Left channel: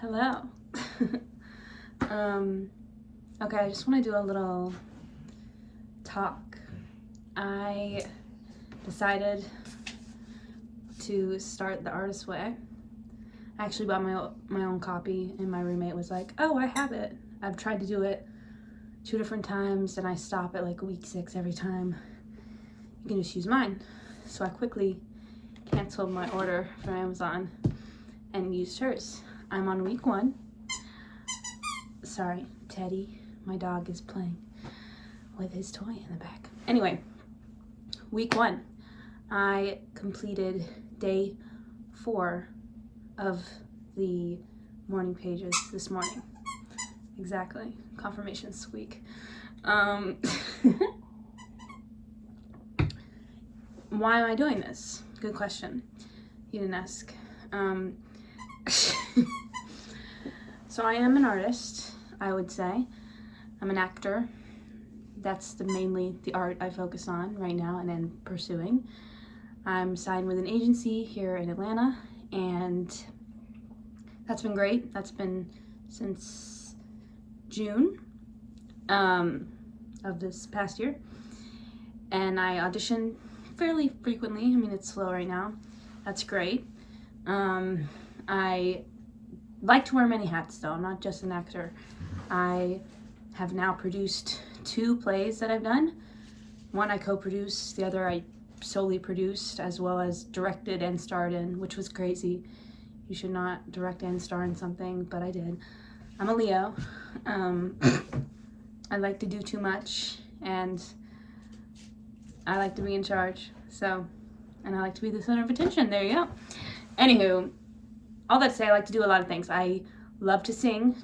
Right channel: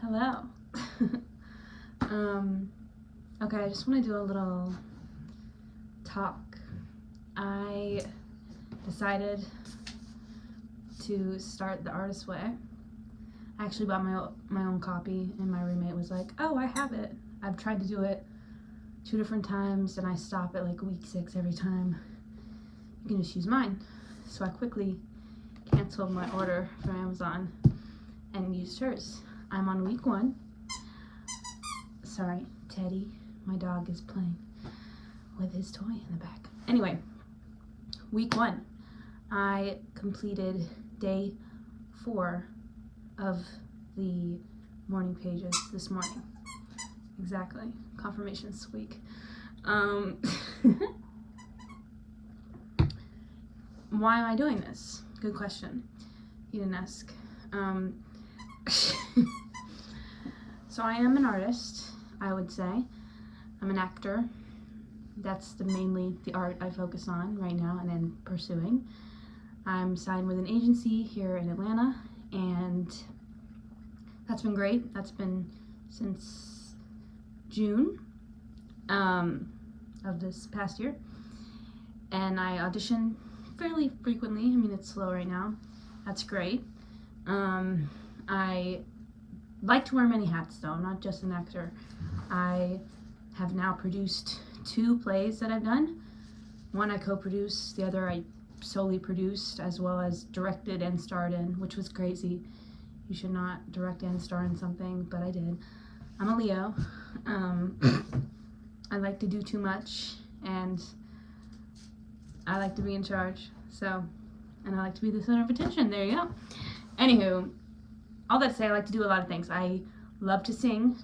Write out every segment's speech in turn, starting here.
Hello. Okay, I just want to do a little talk. I decided to start The Artist's Way. I actually bought my own copy, and my roommate was like, oh, I have it. I've tried to do it 2 different times, and I stop at like week 6 every time. You can just use mine. So I quickly canceled my order from Amazon and used hers. I'm on week 1. Sorry, Teddy, my dog, is playing with his toy in the back. Anyway, week 1, I completed day 4 of the morning pages this morning. Exactly, confirmation squeak. Why am I doing this? Good question. You didn't ask. So I am an artist, I would say. I'm an actor. That's mainly the art I focus on right now and am pursuing. I'm signed with an agency here in Atlanta, and that's been great. That's been since June of this past year. And I audition fairly frequently. I mean, it's slow right now. That's great. I like to wear many hats, though. I'm not just an actor. I have now produced 2 plays that I've done. One I co-produced, the other I solely produced, as well as directed and starred in, which was crazy. You should not direct and star in something, but I did. I'm a Leo. I like to do too much, and I like to be in charge, and I like to be the center of attention. There you go. Anywho, all that to say, I like to do a lot of things. I love to sing.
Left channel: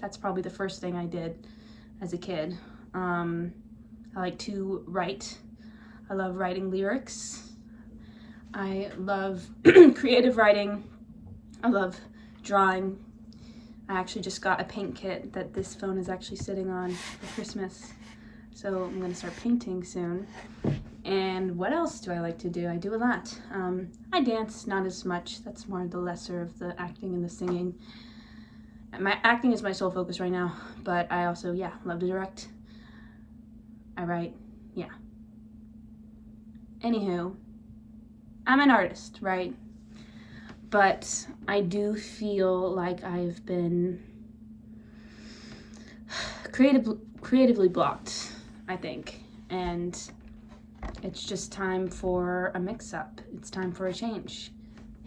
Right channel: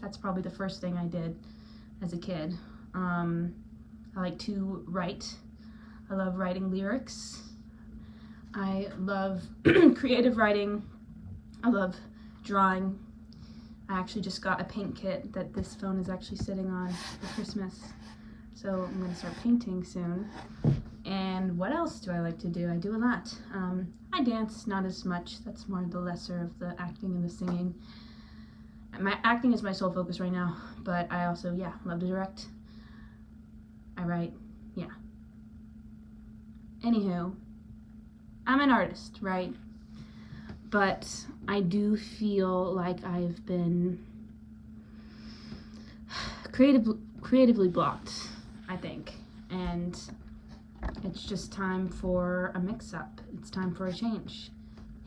That's probably the first thing I did as a kid. I like to write. I love writing lyrics. I love creative writing. I love drawing. I actually just got a paint kit that this phone is actually sitting on for Christmas. So I'm going to start painting soon. And what else do I like to do? I do a lot. I dance, not as much. That's more the lesser of the acting and the singing. My acting is my sole focus right now, but I also, love to direct. I write, Anywho, I'm an artist, right? But I do feel like I've been creatively blocked, I think. And it's just time for a mix-up. It's time for a change.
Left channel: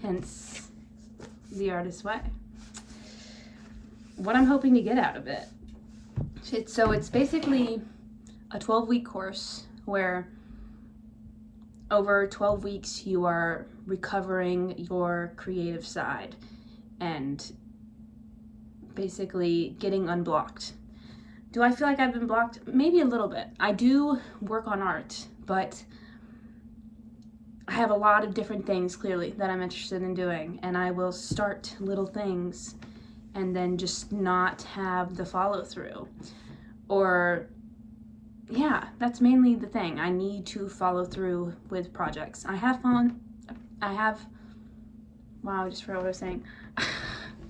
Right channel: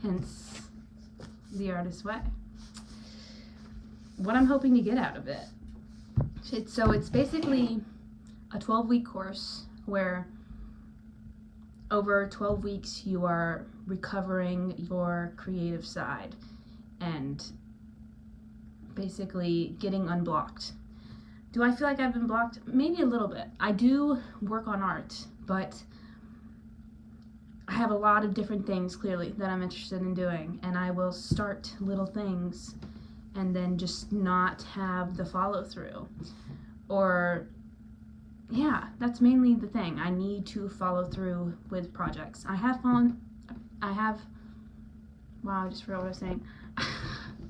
Hence, The Artist's Way. What I'm hoping to get out of it. It's basically a 12-week course where over 12 weeks you are recovering your creative side and basically getting unblocked. Do I feel like I've been blocked? Maybe a little bit. I do work on art, but I have a lot of different things, clearly, that I'm interested in doing, and I will start little things and then just not have the follow-through. Or, that's mainly the thing. I need to follow through with projects. I just forgot what I was saying. I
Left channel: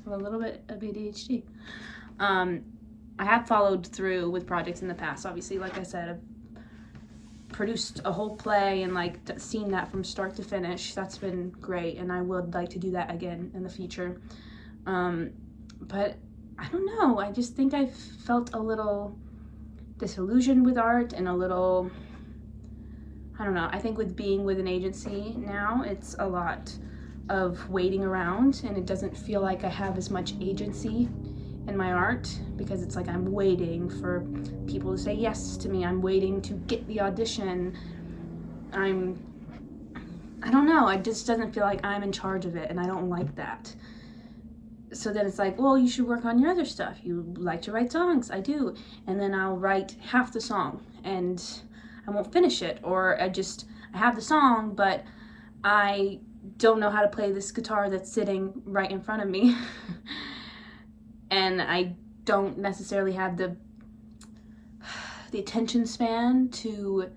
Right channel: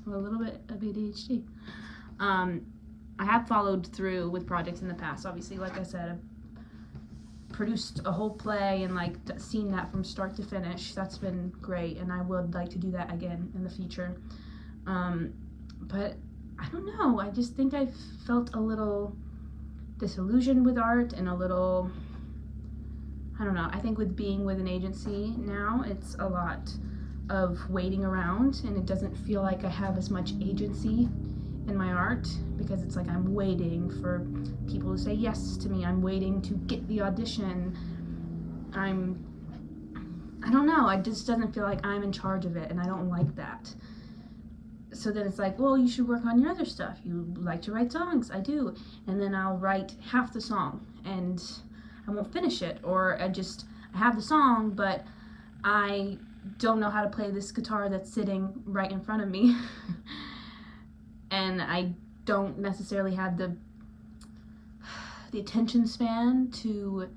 have a little bit of ADHD. I have followed through with projects in the past. Obviously, like I said, I've produced a whole play and seen that from start to finish. That's been great, and I would like to do that again in the future. But I don't know. I just think I've felt a little disillusioned with art and a little, I don't know. I think with being with an agency now, it's a lot of waiting around, and it doesn't feel like I have as much agency in my art, because it's like I'm waiting for people to say yes to me. I'm waiting to get the audition. I don't know. It just doesn't feel like I'm in charge of it, and I don't like that. So then it's like, well, you should work on your other stuff. You like to write songs. I do. And then I'll write half the song and I won't finish it. Or I have the song, but I don't know how to play this guitar that's sitting right in front of me. And I don't necessarily have the attention span to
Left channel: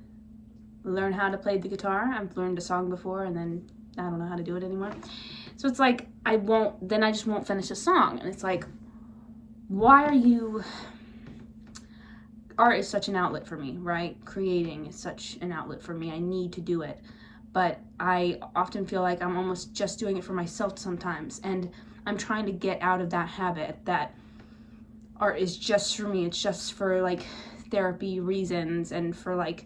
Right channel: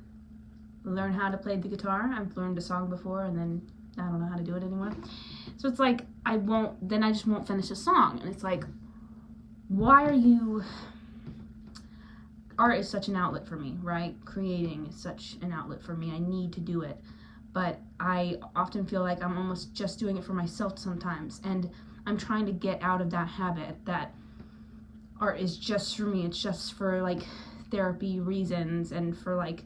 learn how to play the guitar. I've learned a song before and then I don't know how to do it anymore. So it's like, I just won't finish a song. And it's like, why are you, art is such an outlet for me, right? Creating is such an outlet for me. I need to do it. But I often feel like I'm almost just doing it for myself sometimes. And I'm trying to get out of that habit that art is just for me. It's just for like therapy reasons and for like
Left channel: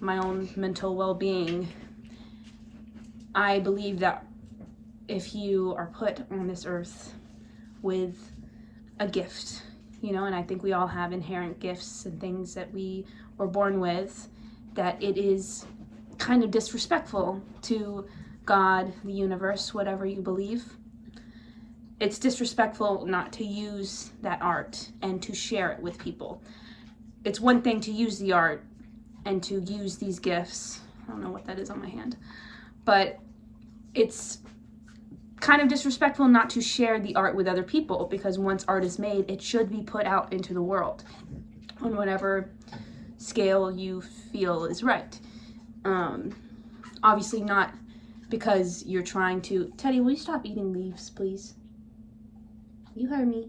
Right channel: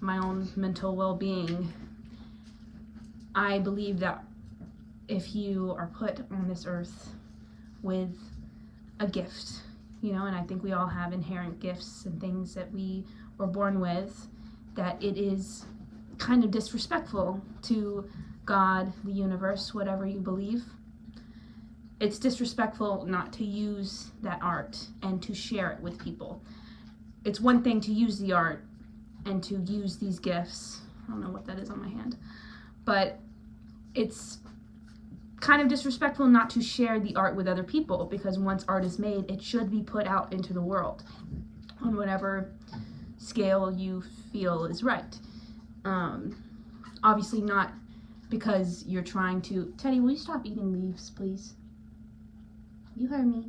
my own mental well-being. I believe that if you are put on this earth with a gift, you know, and I think we all have inherent gifts and things that we were born with, that it is kind of disrespectful to God, the universe, whatever you believe. It's disrespectful not to use that art and to share it with people. It's one thing to use the art and to use these gifts. I don't know what that is on my hand, but it's kind of disrespectful not to share the art with other people, because once art is made, it should be put out into the world on whatever scale you feel is right. Obviously not because you're trying to... Teddy, will you stop eating leaves, please? You heard me.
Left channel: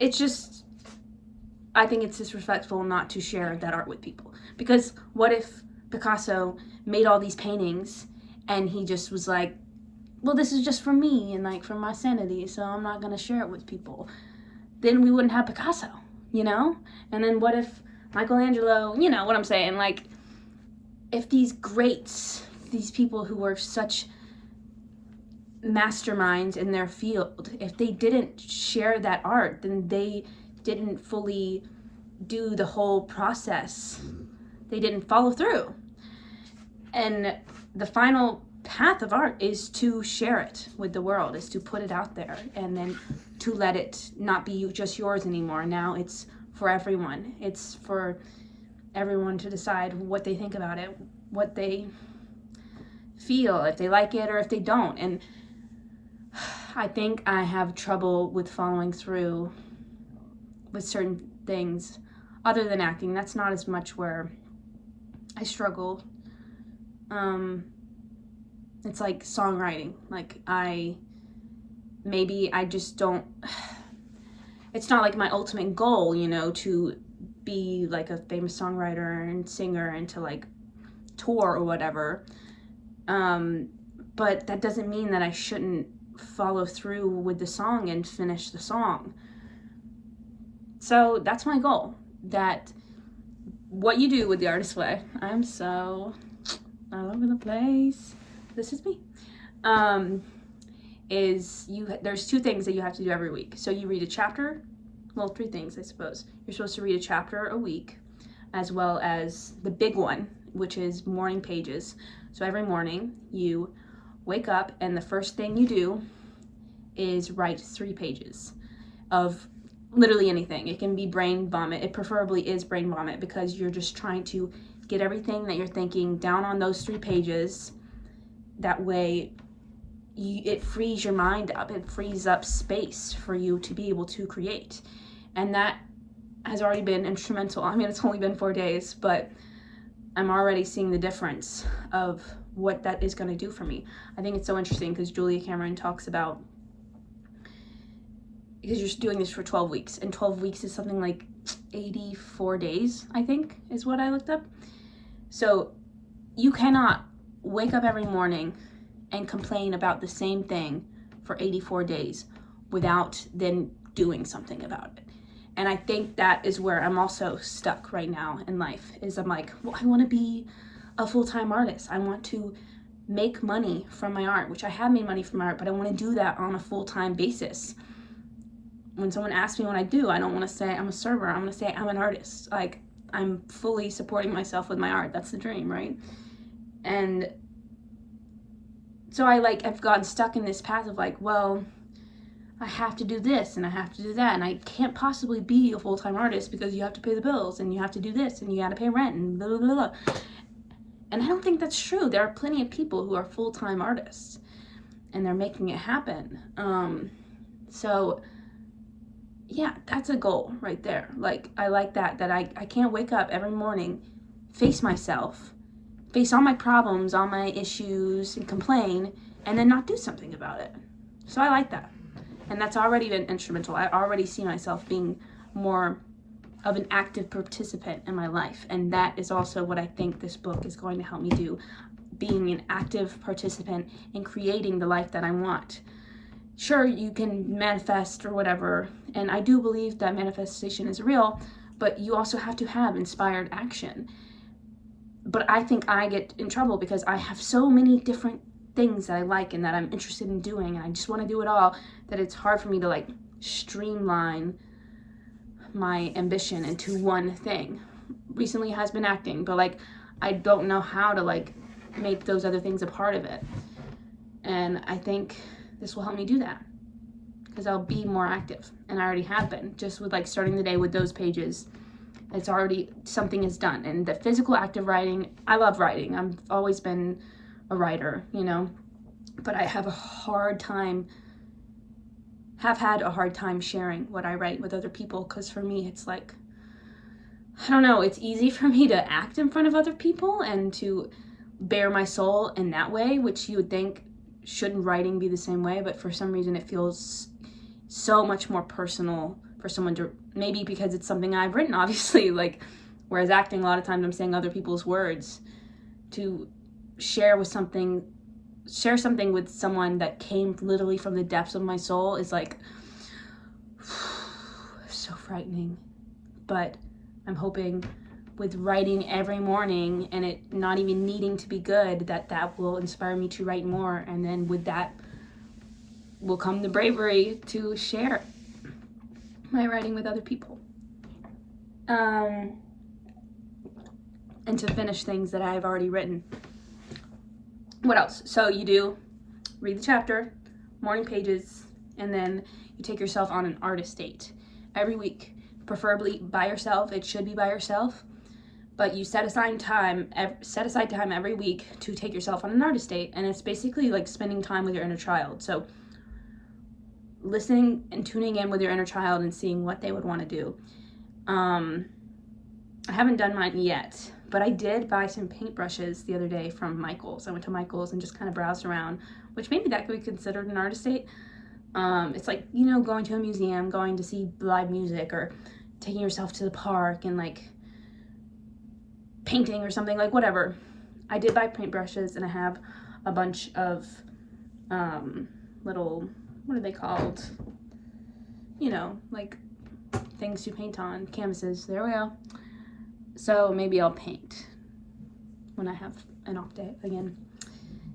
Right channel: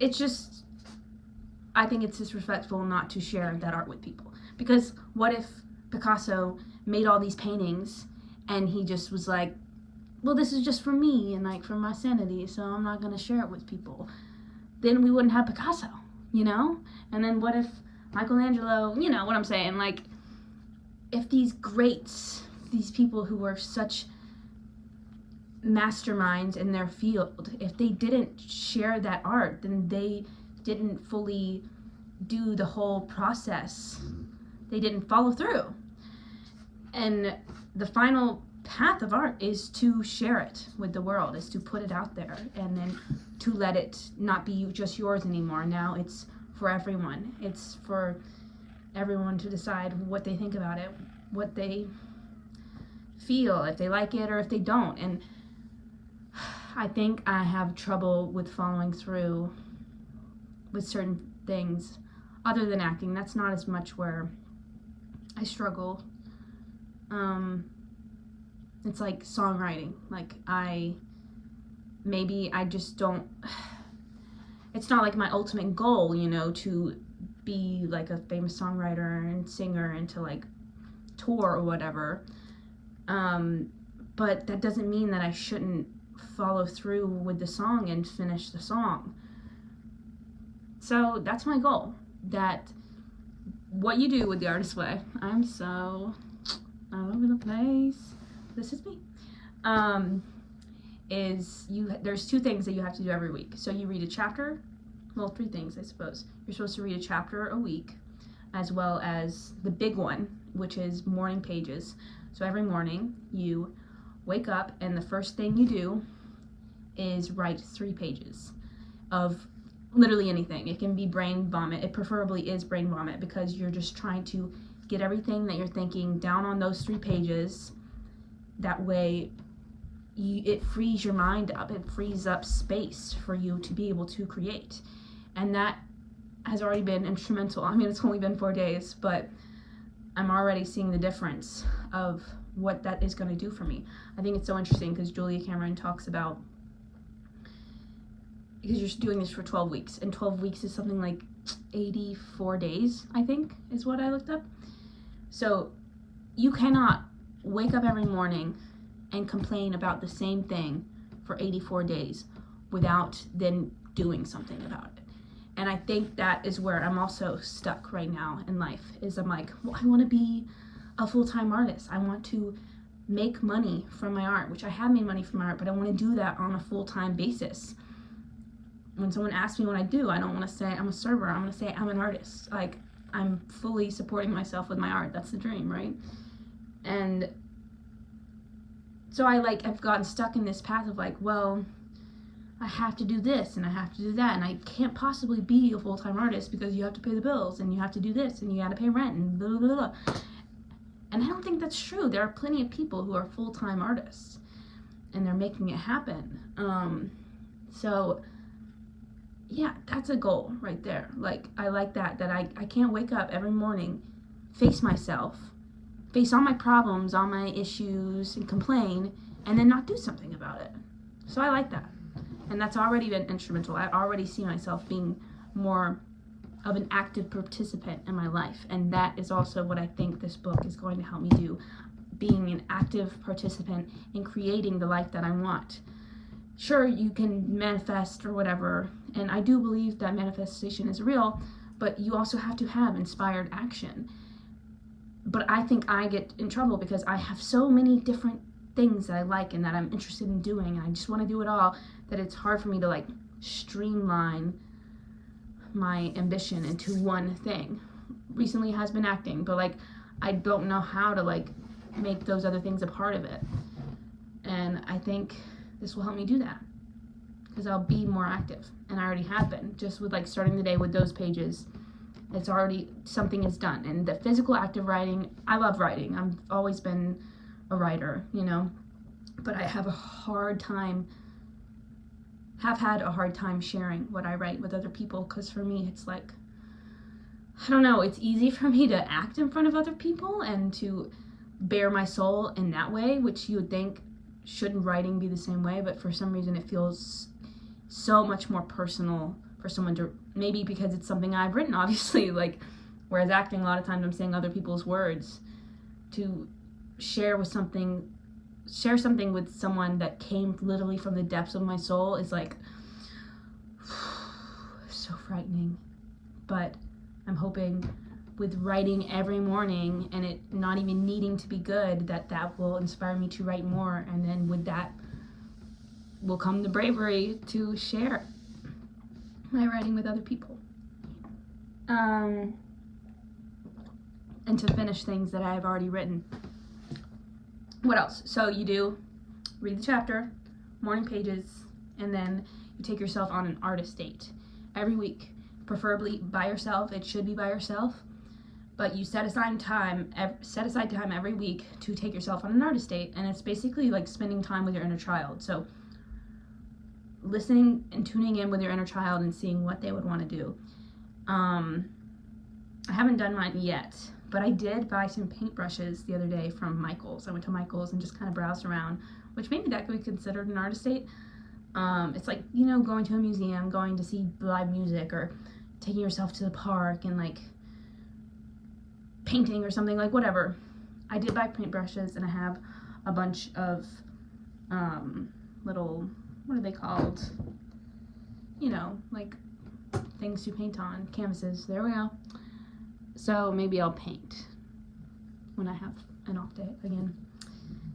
It's just, I think it's disrespectful not to share that art with people. Because what if Picasso made all these paintings and he just was like, well, this is just for me and like for my sanity, so I'm not gonna share it with people? Then we wouldn't have Picasso, you know? And then what if Michelangelo, you know what I'm saying? Like, if these greats, these people who were such masterminds in their field, if they didn't share that art, then they didn't fully do the whole process. They didn't follow through. And the final path of art is to share it with the world, is to put it out there, and then to let it not be just yours anymore. Now it's for everyone. It's for everyone to decide what they think about it, what they feel, if they like it or if they don't. And I think I have trouble with following through with certain things other than acting. That's not as much where I struggle. It's like songwriting. Like I just don't, it's not like my ultimate goal, you know, to be like a famous songwriter and singer and to like tour or whatever. But that doesn't mean that I shouldn't follow through with the song and finish the song. So that's my goal. That what you do with the artist way, I'm so all over the place. This is me. There's 2 things that you have to do every week. So you read a chapter, well, 3 things, I suppose. You're supposed to read a chapter a week, as well as the big one, which is morning pages. So every morning you wake up and the first thing you do is write 3 pages of literally anything. It can be brain vomit. It preferably is brain vomit, because you're just trying to get everything that you're thinking down on those 3 pages. That way it frees your mind up. It frees up space for you to be able to create. And that has already been instrumental. I mean, it's only been 4 days, but I'm already seeing the difference of what that is going to do for me. I think it's so interesting because Julia Cameron talks about, because you're doing this for 12 weeks, and 12 weeks is something like 84 days, I think, is what I looked up. So you cannot wake up every morning and complain about the same thing for 84 days without then doing something about it. And I think that is where I'm also stuck right now in life, is I'm like, well, I want to be a full-time artist. I want to make money from my art, which I have made money from my art, but I want to do that on a full-time basis. When someone asks me what I do, I don't want to say I'm a server. I'm going to say I'm an artist. Like, I'm fully supporting myself with my art. That's the dream, right? And so I've gotten stuck in this path of like, well, I have to do this and I have to do that, and I can't possibly be a full-time artist because you have to pay the bills and you have to do this and you got to pay rent and blah, blah, blah, blah. And I don't think that's true. There are plenty of people who are full-time artists and they're making it happen. So yeah, that's a goal right there. Like, I like that I can't wake up every morning, face myself, face all my problems, all my issues, and complain, and then not do something about it. So I like that. And that's already been instrumental. I already see myself being more of an active participant in my life. And that is also what I think this book is going to help me do. Being an active participant in creating the life that I want. Sure, you can manifest or whatever, and I do believe that manifestation is real, but you also have to have inspired action. But I think I get in trouble because I have so many different things that I like and that I'm interested in doing, and I just want to do it all, that it's hard for me to like streamline my ambition into one thing. Recently has been acting, but like I don't know how to like make those other things a part of it. And I think this will help me do that because I'll be more active, and I already have been, just with like starting the day with those pages. It's already, something is done. And the physical active writing, I love writing. I've always been a writer, you know, but I have had a hard time sharing what I write with other people, because for me it's like, I don't know, it's easy for me to act in front of other people and to bare my soul in that way, which you would think shouldn't writing be the same way, but for some reason it feels so much more personal for someone to, maybe because it's something I've written, obviously, like, whereas acting, a lot of times I'm saying other people's words. To share something with someone that came literally from the depths of my soul is like so frightening. But I'm hoping with writing every morning and it not even needing to be good, that will inspire me to write more, and then with that will come the bravery to share my writing with other people, and to finish things that I have already written. What else? So you do read the chapter, morning pages, and then you take yourself on an artist date every week, preferably by yourself. It should be by yourself, but you set aside time every week to take yourself on an artist date, and it's basically like spending time with your inner child. So listening and tuning in with your inner child and seeing what they would want to do. I haven't done mine yet, but I did buy some paintbrushes the other day from Michael's. I went to Michael's and just kind of browsed around, which maybe that could be considered an artist date. It's like, you know, going to a museum, going to see live music, or taking yourself to the park and like painting or something, like whatever. I did buy paintbrushes, and I have a bunch of little, what are they called? You know, like things to paint on, canvases. There we go. So maybe I'll paint when I have an off day again,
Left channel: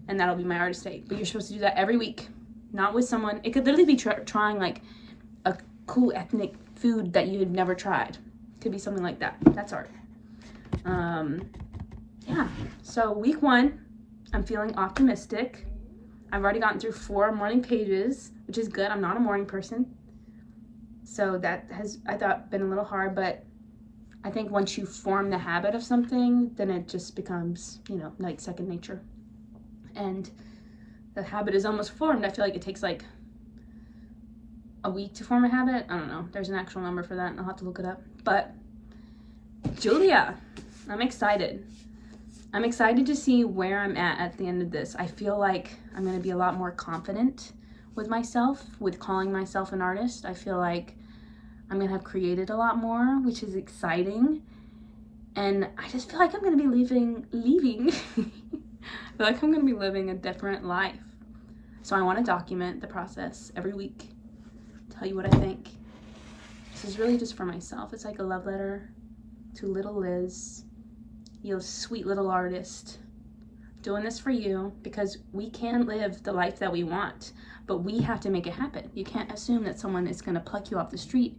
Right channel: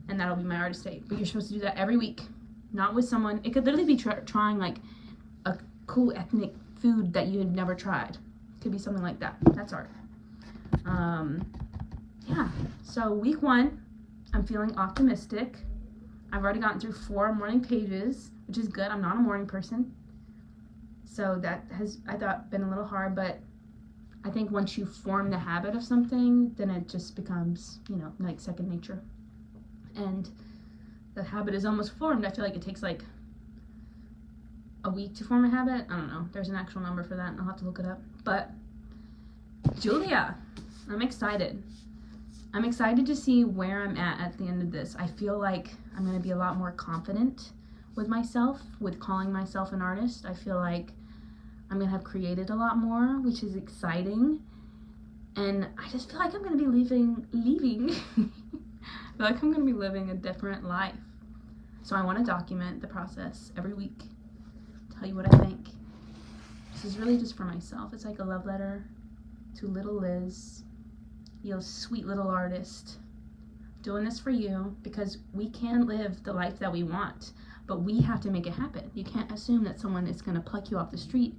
and that'll be my artist date. But you're supposed to do that every week, not with someone. It could literally be trying like a cool ethnic food that you had never tried. Could be something like that. That's art. Yeah. So week 1, I'm feeling optimistic. I've already gotten through 4 morning pages, which is good. I'm not a morning person, so that has, I thought, been a little hard, but I think once you form the habit of something, then it just becomes, you know, like second nature. And the habit is almost formed. I feel like it takes like a week to form a habit. I don't know. There's an actual number for that, and I'll have to look it up. But Julia, I'm excited. I'm excited to see where I'm at the end of this. I feel like I'm going to be a lot more confident with myself, with calling myself an artist. I feel like I'm going to have created a lot more, which is exciting. And I just feel like I'm going to be leaving. I feel like I'm going to be living a different life. So I want to document the process every week, tell you what I think. This is really just for myself. It's like a love letter to little Liz, you sweet little artist, doing this for you, because we can live the life that we want, but we have to make it happen. You can't assume that someone is going to pluck you off the street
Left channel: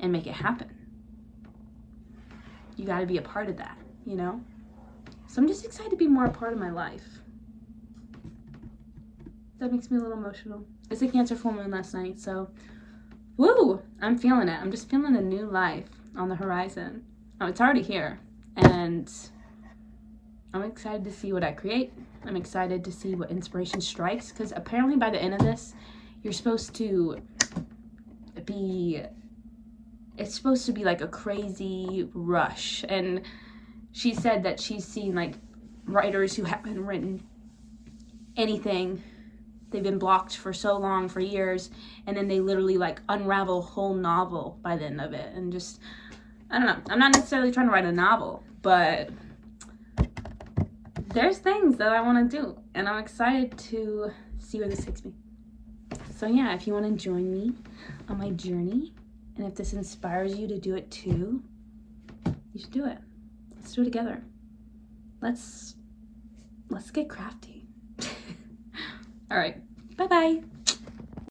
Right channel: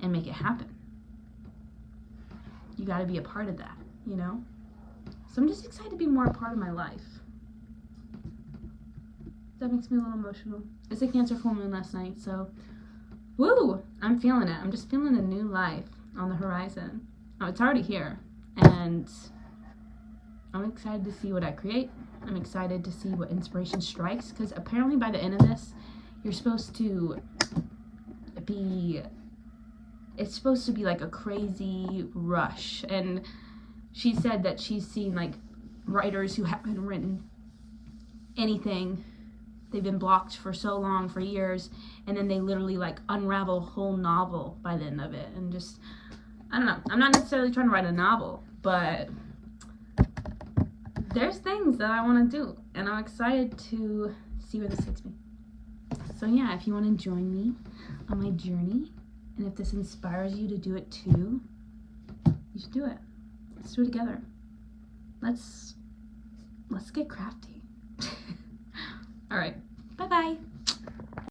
and make it happen. You got to be a part of that, you know? So I'm just excited to be more a part of my life. That makes me a little emotional. It's a Cancer full moon last night, so woo! I'm feeling it. I'm just feeling a new life on the horizon. Oh, it's already here, and I'm excited to see what I create. I'm excited to see what inspiration strikes, because apparently by the end of this, you're supposed to be, it's supposed to be like a crazy rush. And she said that she's seen like writers who haven't written anything. They've been blocked for so long, for years, and then they literally like unravel a whole novel by the end of it. And just, I don't know, I'm not necessarily trying to write a novel, but there's things that I want to do, and I'm excited to see where this takes me. So yeah, if you want to join me on my journey, and if this inspires you to do it too, you should do it. Let's do it together. Let's get crafty. All right, bye-bye.